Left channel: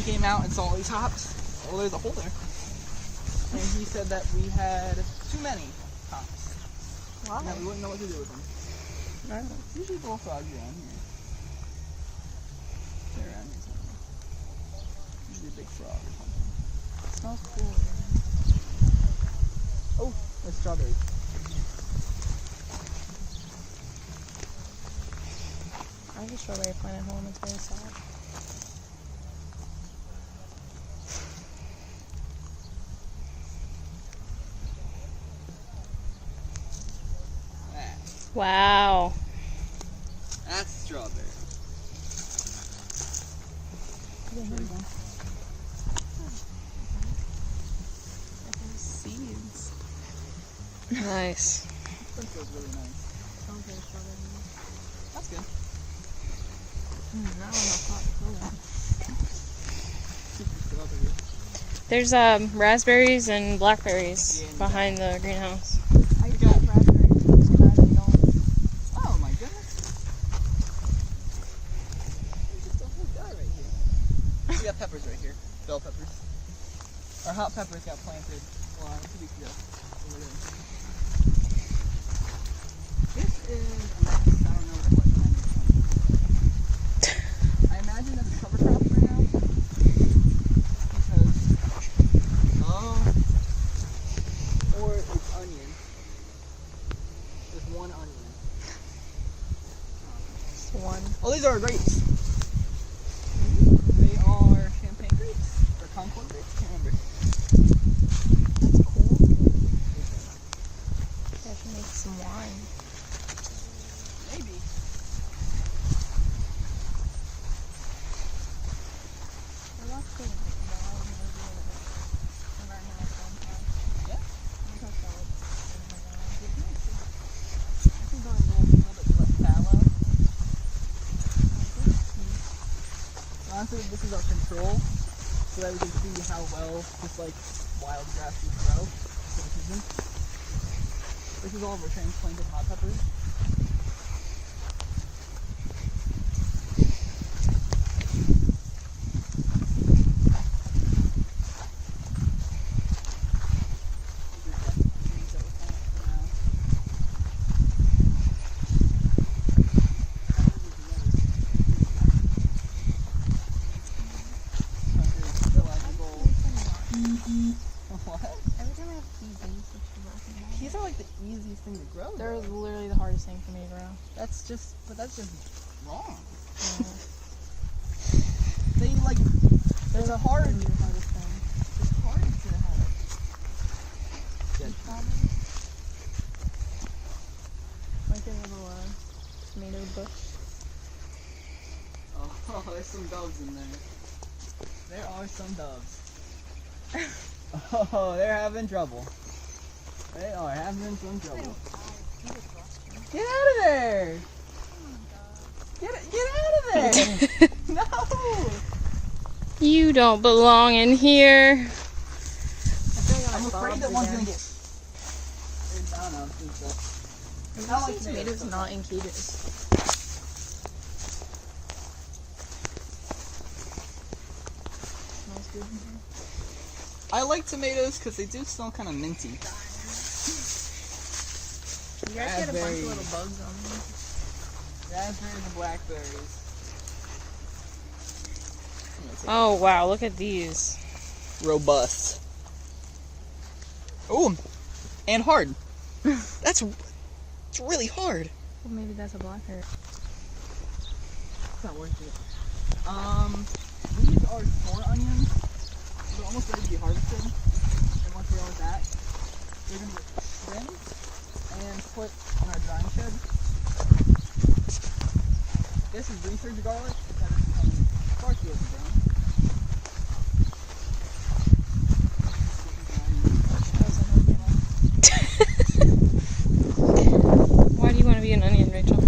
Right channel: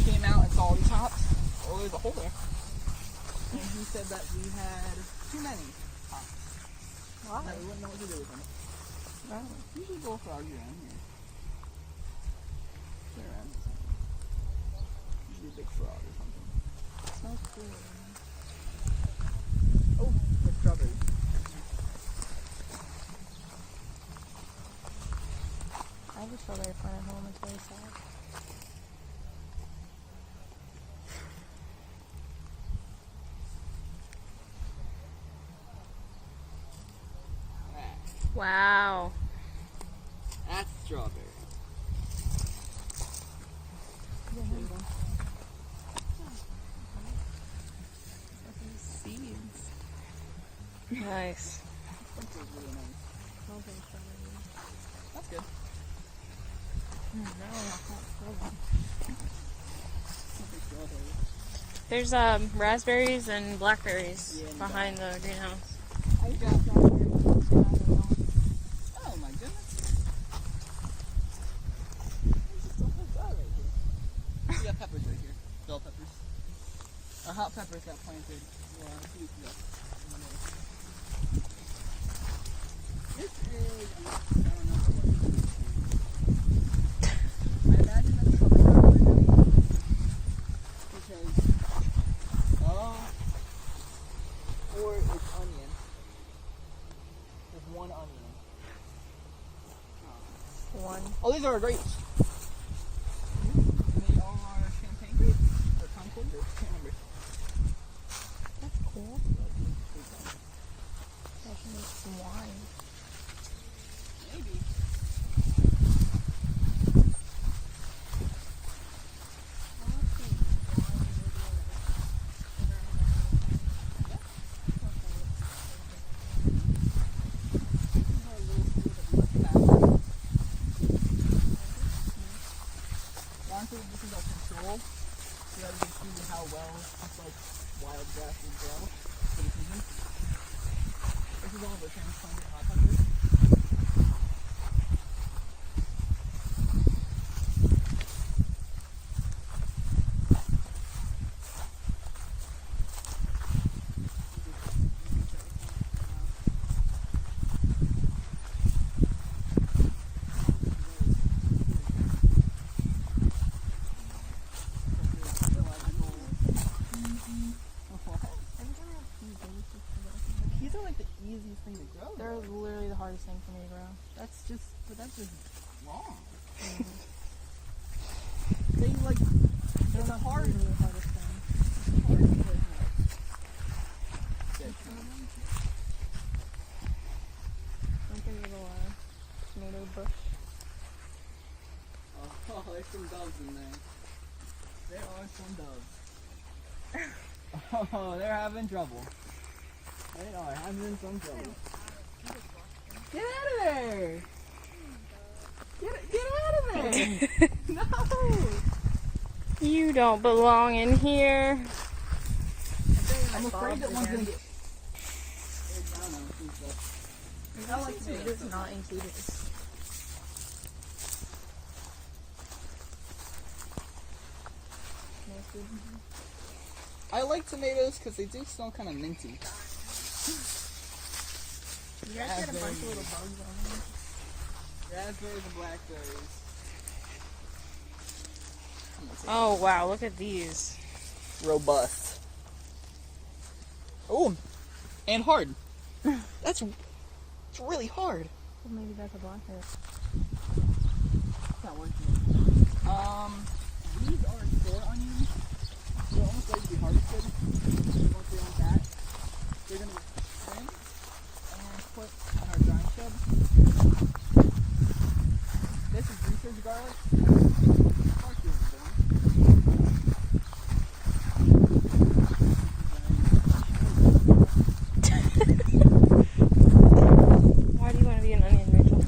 he came out and saw all these hops, oh, there's a hole there. And he said that we had too many hops. Why? And that we wouldn't know what to do with them. No. Usually bullfrogs around here. They're around here somewhere. Usually a big frog or something. It smells cool. Oh, that's strawberries. I have a strawberry plant at home. It's very sad. Wow. That's strawberry. Seeds. Nice. That feels really nice. Sounds like strawberry. That's good. That one is not full. Strawberry. There's raspberries and blackberries Yeah, behind the greenhouse. I got raspberries and don't. Oh my goodness. There's just a whole guy right here. We got peppers right here. Bell peppers. Our hot peppers got planted a week ago. Over there. This is, I don't know what kind of thing. I imagine that's a cover crop right now. Because, or it's onion. There's one onion. Just one. Oh, these are grapes. They are champagne grapes or Concord grapes. Can't remember. That's cool. I should make some wine. Maybe. I watched the wine video of environmental stuff. Yeah. That's why it's This is a little bit salad. Honestly, this is our control, so that we can see how well just like wild grass will grow for the season. This is all the transplanted hot peppers. Every time I have peas, I just switch to both of them. Peas are like the easiest thing to grow. They're though. literally the hardest thing for me to grow. That's just wrong. Yeah. They like, They're the hardest thing. it's hard to have. Like a little tomato bush. Oh, there's some doves in there. There are some doves. Oh, they're having trouble. They are having some trouble. Get out of there! Get out of there! No! You don't belong in here. I'm afraid that one's gonna get. I don't know. How are tomatoes not in cages? Smells good. I like tomatoes because they do smell kind of minty. You guys get a bunch of little bugs on them. Raspberries and blackberries. Oh wow, look at these. Robust. Ooh, and hard. It's really hard. Well, maybe that's a blackberry. It's not worth it. These are store onions. They're almost ready to be harvested. And once we're done with that, they're going to get trimmed and put in our drying shed. This is research garlic. Far too brown. Why do you want to be an onion, Rachel?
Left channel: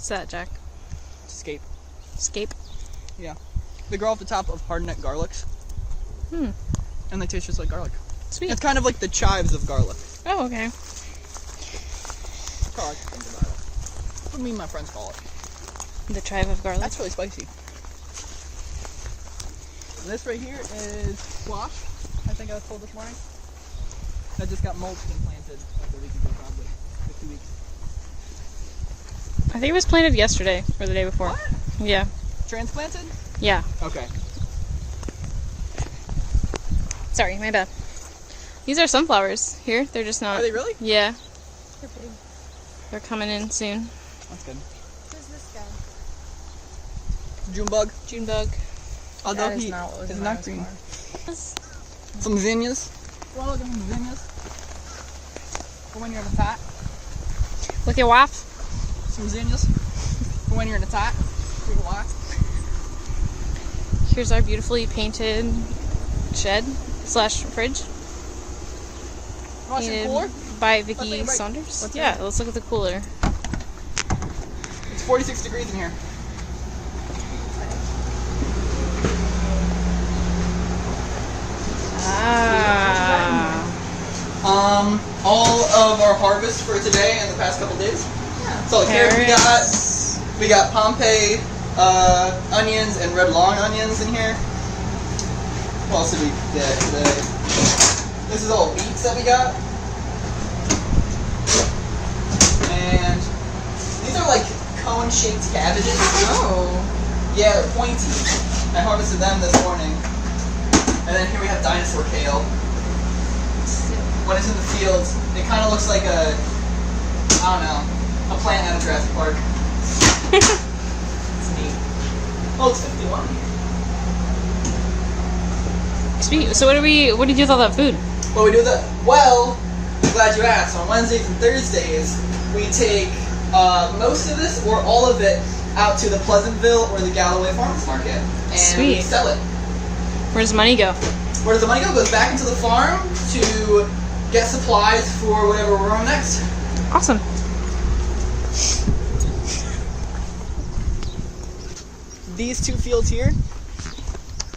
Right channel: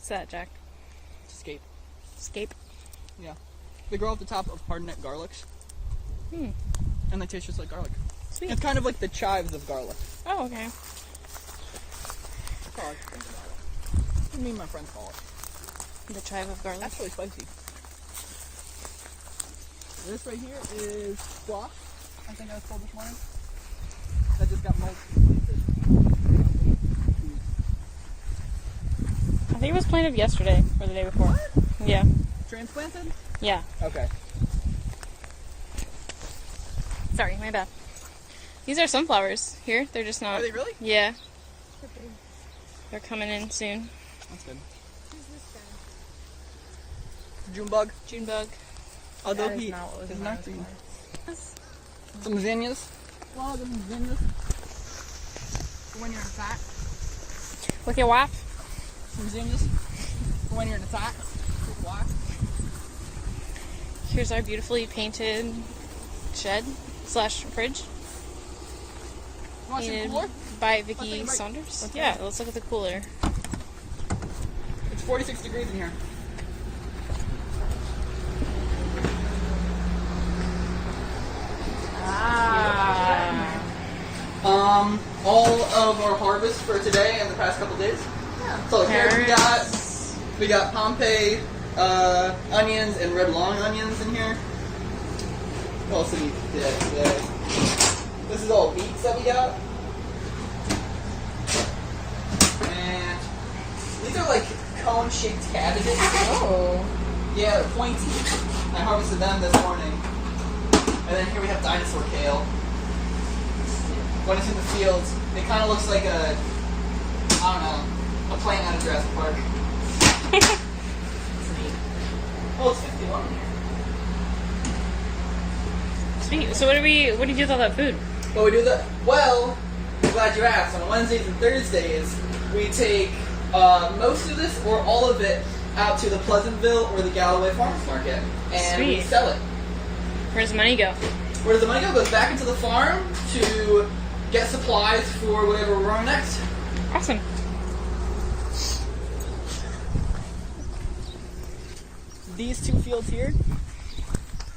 What's that, Jack? Escape. Escape? Yeah. They grow off the top of hardneck garlics. Hmm. And they taste just like garlic. Sweet. It's kind of like the chives of garlic. Oh, okay. That's how I like to think about it. That's what me and my friends call it. The chive of garlic. That's really spicy. And this right here is squash, I think I was told this morning. That just got mulched and planted for 2 weeks. I think it was planted yesterday or the day before. What? Yeah. Transplanted? Yeah. Okay. Sorry, my bad. These are sunflowers here. They're just not. Are they really? Yeah. They're big. They're coming in soon. That's good. Who's this guy? June bug. June bug. Although That is he not what was is in not my green. car. Some zinnias. Well, look at some zinnias. For when you're in attack. With your wife? Some zinnias. For when you're in attack. For your wife. Here's our beautifully painted shed slash fridge. Want some Painted cooler? by take Vicky a break. Saunders. Let's Yeah, take a- let's look at the cooler. It's 46 degrees in here. All of our harvest for today and the past couple days. Yeah. So carrots Carrots. we got Pompeii onions and red long onions in here. What else did we get today? This is all beets that we got. And these are like cone-shaped cabbages. Oh. Yeah, they're pointy. I harvested them this morning. And then here we have dinosaur kale. When it's in the fields, it kind of looks like a, I don't know, a plant out of Jurassic Park. It's neat. Oh, it's 51 here. Sweet. So what do you do with all that food? What we do with it? Well, I'm glad you asked. On Wednesdays and Thursdays, we take most of this or all of it out to the Pleasantville or the Galloway Farmers Market, and we Sweet. sell it. Where does the money go? Where does the money go? It goes back into the farm to get supplies for whatever we're growing next. Awesome. These two fields here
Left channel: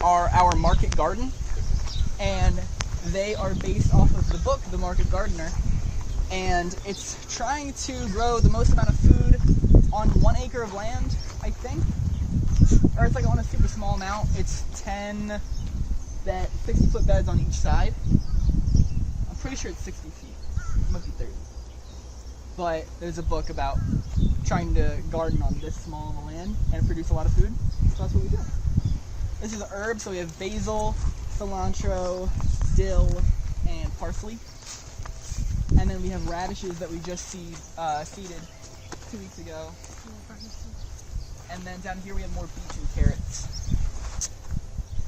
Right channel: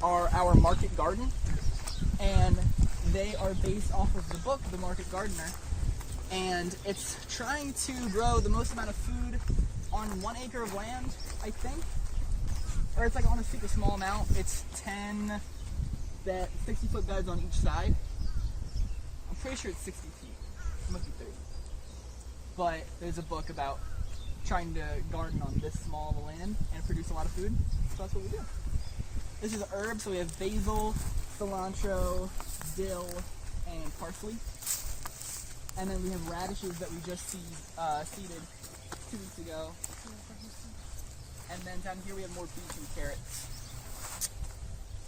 are our market garden, and they are based off of the book, The Market Gardener, and it's trying to grow the most amount of food on 1 acre of land, I think, or it's like on a super small amount. It's 10 60-foot beds on each side. I'm pretty sure it's 60 feet. It must be 30. But there's a book about trying to garden on this small of a land and produce a lot of food. So that's what we do. This is herbs, so we have basil, cilantro, dill, and parsley. And then we have radishes that we just seeded 2 weeks ago. And then down here we have more beets and carrots.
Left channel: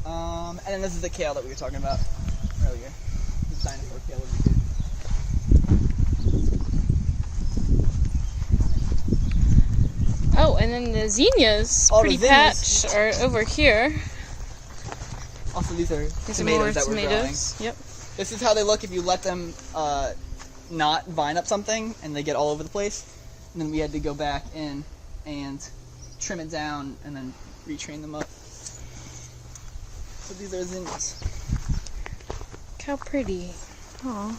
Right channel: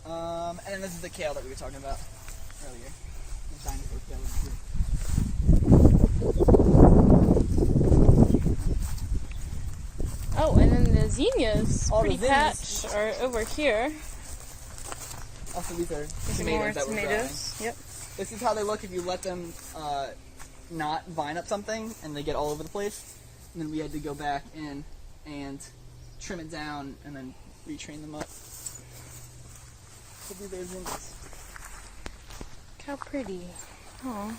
And then this is the kale that we were talking about earlier. This dinosaur kale over here. Oh, and then the zinnias, Oh, the pretty zinnias. patch, are over here. Also, these are There's some tomatoes more that we're growing. tomatoes. Yep. This is how they look if you let them not vine up something and they get all over the place. And then we had to go back in and trim it down and then retrain them up. So these are zinnias. Look how pretty. Aw.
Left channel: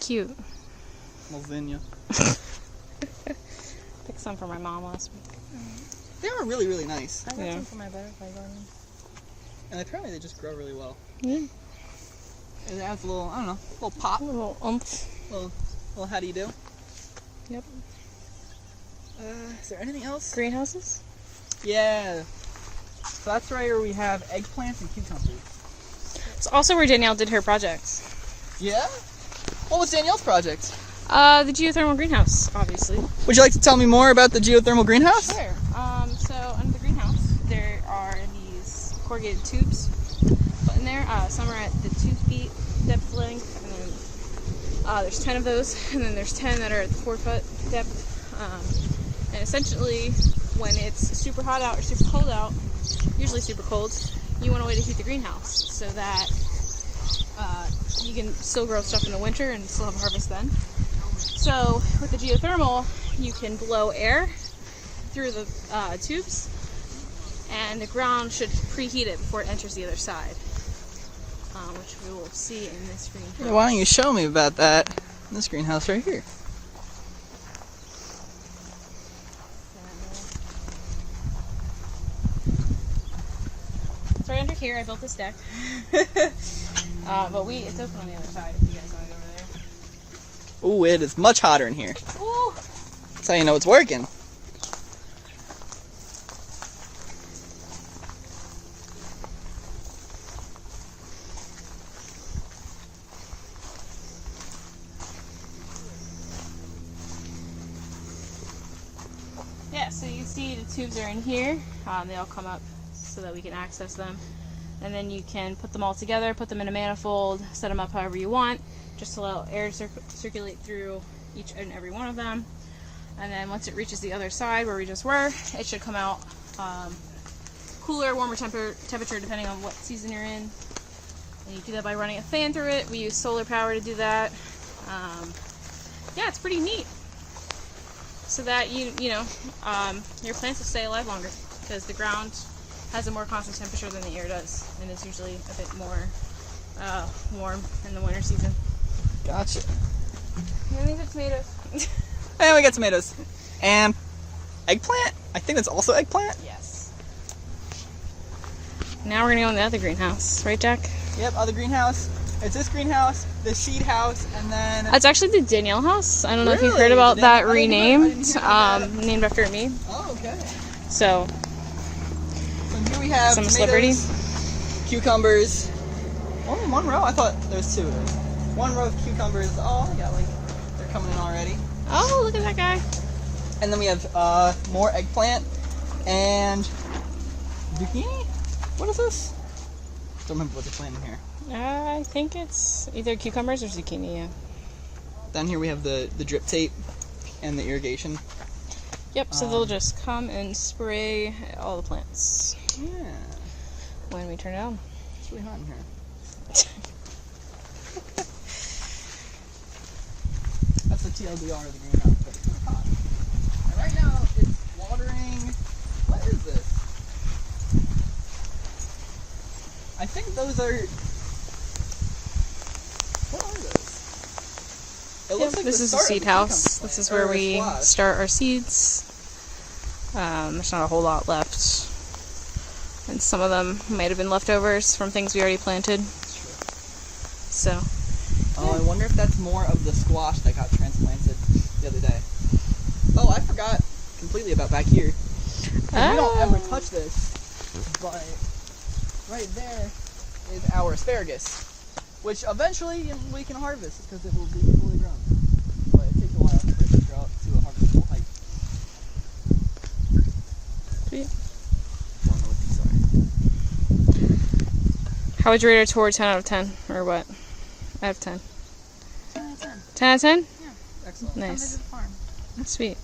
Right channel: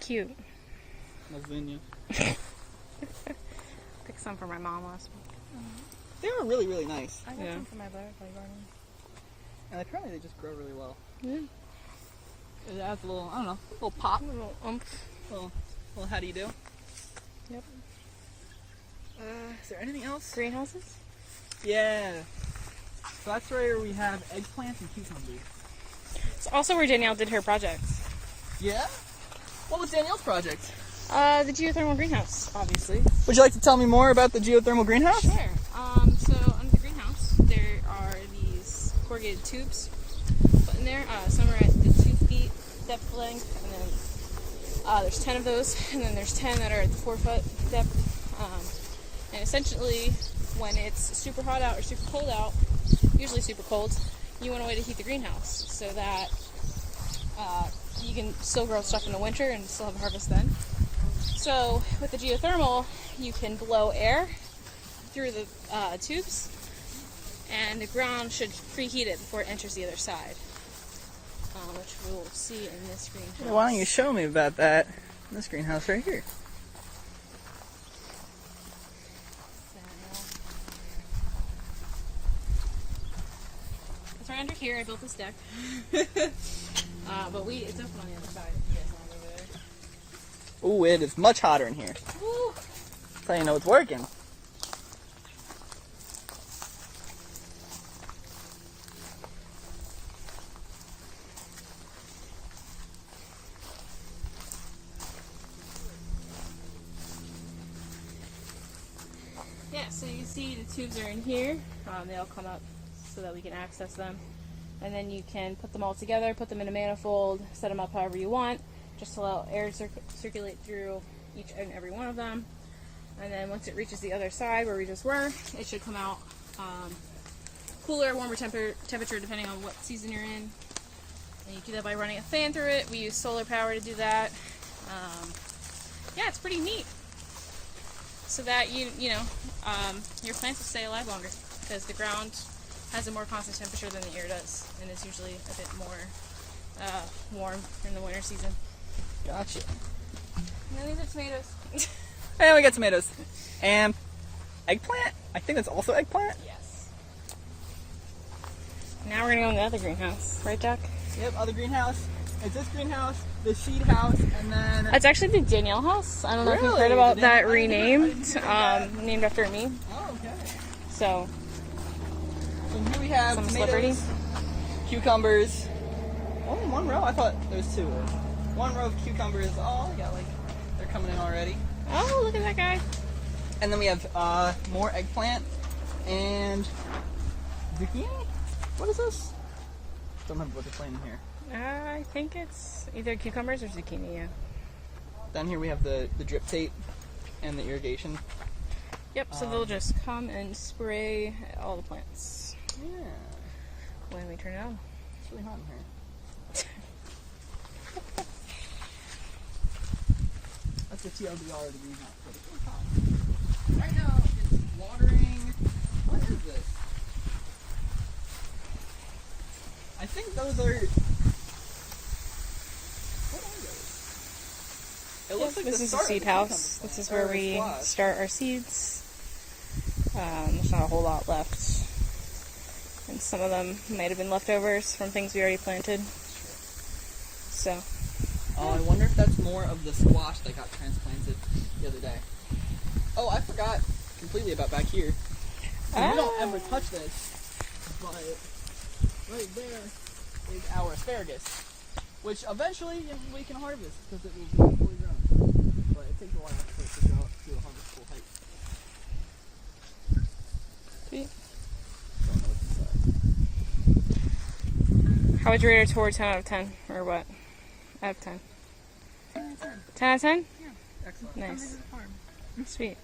Cute. Little zinnia. Picked some for my mom last week. They are really, really nice. I got Yeah. some for my butterfly garden. And apparently they just grow really well. Yeah. It adds a little, I don't know, a little pop. A little oomph. Little how do you do? Yep. Is there anything else? Greenhouses? Yeah. So that's where we have eggplants and cucumbers. It's also where Danielle did her projects. Yeah? What was Danielle's project? The geothermal greenhouse, obviously. Would you like to tell me more about the geothermal greenhouse? Sure. So under the greenhouse, there are these corrugated tubes put in there. Some are at the 2 feet depth length, and then there's 10 of those, and then there's 10 that are at the 4 foot depth. And essentially, when it's super hot out or super cold out, usually super cold, you want a way to heat the greenhouse so that you can still grow stuff in the winter and still have harvest then. So with the geothermal, you can blow air through the tubes, and the ground should preheat it before it enters the other side, which we will see in this greenhouse. Why don't you show me about that in this greenhouse right here? It's right under here. I built this deck. But it's open on the other side. If you guys want to go over there. Ooh, it is much hotter in here. Ooh. That's how you know it's working. Yeah, so you see the tubes are in here. They all come up so that we can access them. And then you can put them all together, put them in a manifold, set them up however you want, just allow air to circulate through each and every one of them. And then once it reaches the other side where we just were, it should come out cooler, warmer temperature depending on what season you're in. And you do that by running a fan through it. We use solar power to do that. Yeah, it's pretty neat. So that your plants will stay alive longer, because the ground has a more constant temperature than the air does, and it's usually a bit more warm in the winter season. Gotcha. And these are tomatoes. And we got tomatoes. And eggplant? I think that's also eggplant. Yes. Now we're gonna go in the other greenhouse, right, Jack? Yep, other greenhouse. There's this greenhouse, the seed house, and then... It's actually the Danielle house. I don't know if you've Really? heard about The that Danielle- renamed, I didn't hear named after me. Oh, okay. So, And here we have some tomatoes, celebrity. cucumbers. Only one row? I thought there was two. One row of cucumbers. Oh, they got they're coming in already. Oh, look at that guy. And then we have more eggplant and zucchini. What is this? Don't remember what they're planting here. I think it's either cucumbers or zucchini, yeah. Then here we have the drip tape and the irrigation. Yep, so they'll just come and spray all the plants Yeah, when we turn it on. it's really hot in here. That's the TLDR of the greenhouse. But it's really hot. And right now it's watering. What is this? I think those are. What are those? It looks like This the is the start of seed the house. cucumber This is plant, where or we squash. start our seeds. There's not a whole lot left. And some of them might have been leftovers from things we already planted. So, Oh, I wonder if that's more of the squash that got transplanted the other day. Oh, I forgot completely about back here. And we don't ever touch this, but right there is our asparagus, which eventually we can harvest because it will be fully grown. But it takes a while for it to grow up to a harvestable height. Sweet. Don't know what these are. How would you rate our tour 10 out of 10? Or what? Out of 10. 10 out of 10. 10 out of 10? Yeah. Excellent. Come Nice. visit the farm. Sweet.